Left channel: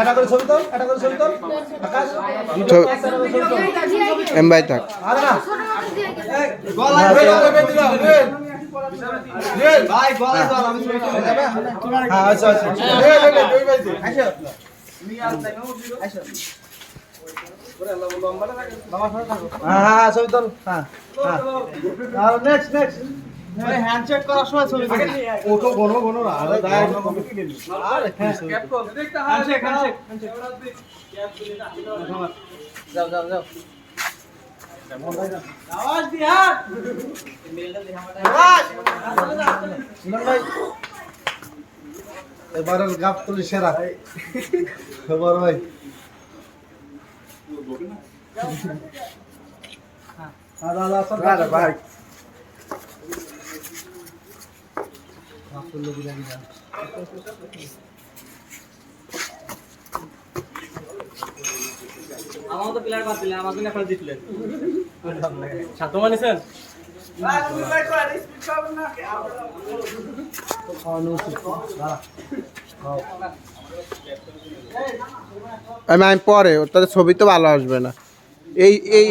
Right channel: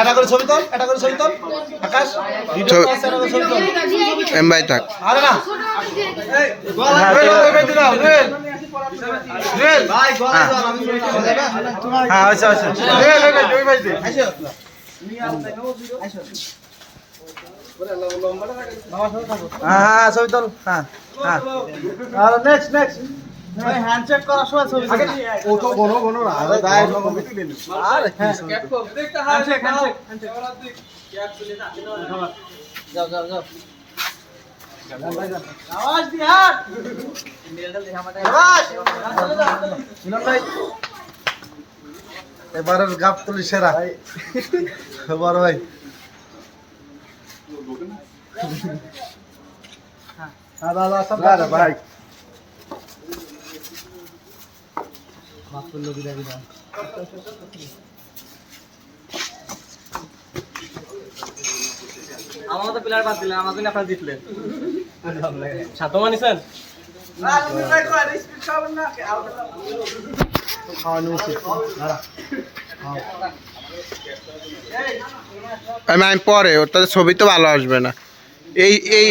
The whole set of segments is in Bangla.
এটা করে ছবি তোল, এটা করে ছবি তোল। আকাশ ভিডিও আছে, এটা করে ছবি তোল। এমবাই থাক। আরে না হ্যাঁ আচ্ছা আচ্ছা হ্যাঁ ছবি তোল। হ্যাঁ হ্যাঁ আর নেক্সট নেক্সট হ্যান্ডশেক করার সময় ছবি তোল। ও তো বনো বনো না আরে গায় কপি তুলে নি আরে ক্যাপ কর দেখতে হ্যান্ডশেক হ্যান্ডশেক ক্যাপ তুলে না যাও যাও যাও আওয়াজ দি হাত এবারের গাপ তুলি সেরা বড় ভাই দাদা সব ভাই আমার তো প্লেয়ার বাদ দিলেন, আমার জন্য আপনারা জিতলেন। সাত মানিছেন আমি পরে ওর তাদের ছবি তো ভালো আসবে না। এই এই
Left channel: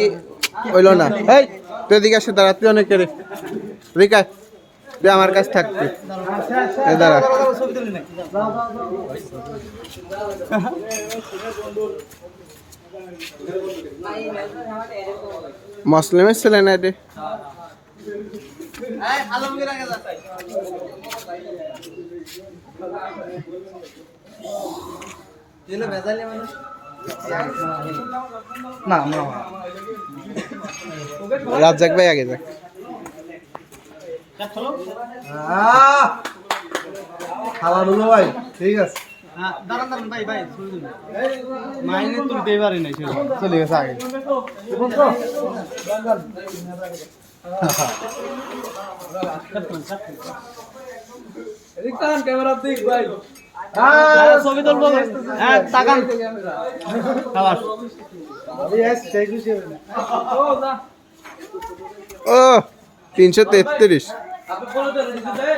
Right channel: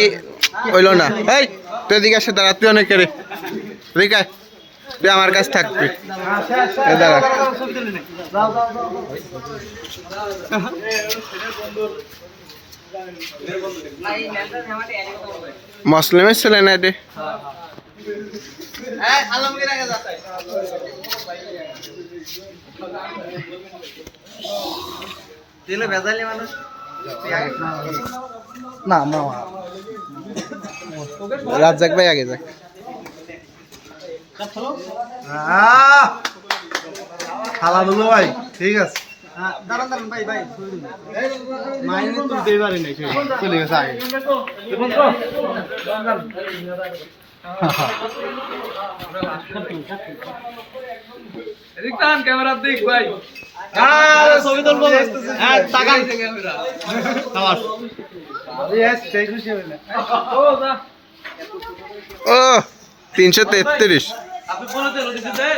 হইলো না। এই তুই এদিকে আসে দাঁড়া, তুই অনেক রে এদিকে আয়। তুই আমার কাছে থাকবি দাঁড়া। মুসলিমের ছেলে না এটি? না না রাজ্জাক ভাই আগে যাক। খালা দুলো ভাই ঠিক আছে। দাঁড়ান দাঁড়ান ভাই ভাই মাইনে তুলতে পারি নাই, চলে গেছে আগে ক্যামেরা দিক ভাই। ছবি তুলবো তাকান ক্যামেরা। ও 333। আপনি বলে দেন দিতে দে।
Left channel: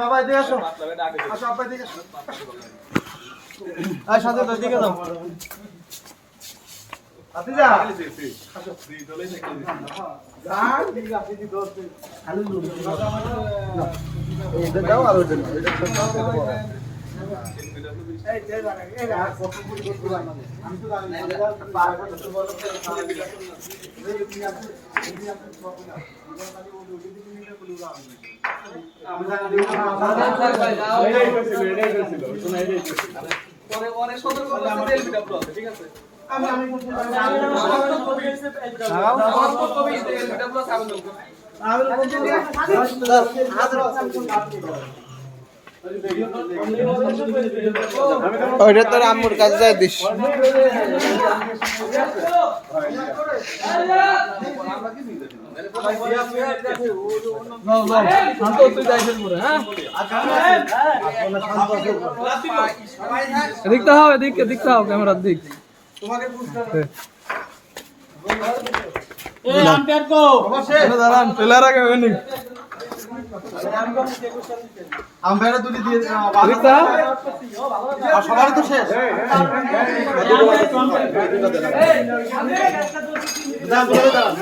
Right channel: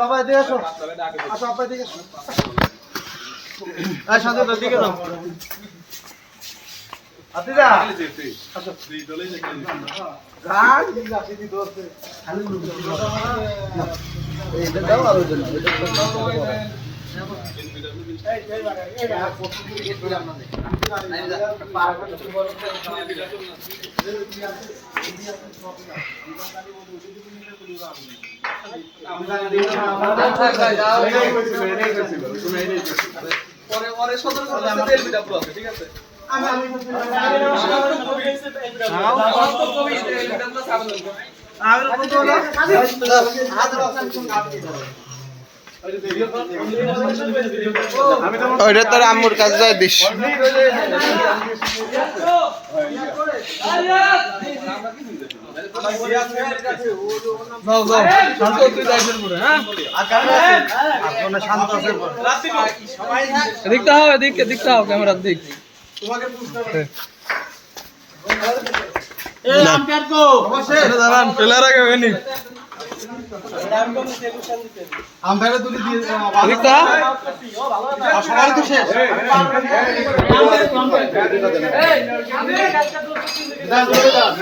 বাবা এদিকে আসো, আসো আপা এদিকে আসো। সাথে দিকে যাও আপনি যা আসো গান ঠিক আছে দি দোস্ত খালি এইটা দাও আর ওইটা নাও, এটা ওইটা তোর আম্মুর কাছে যাই দিস। দেখতে হবে, দেখতে হবে ক্যামেরার দিক। দাঁড়ান প্লেয়ার আগে হয়নি আম্পায়ার দুটি দিয়ে দেখতে সবারই তো শেষ দাঁড়ান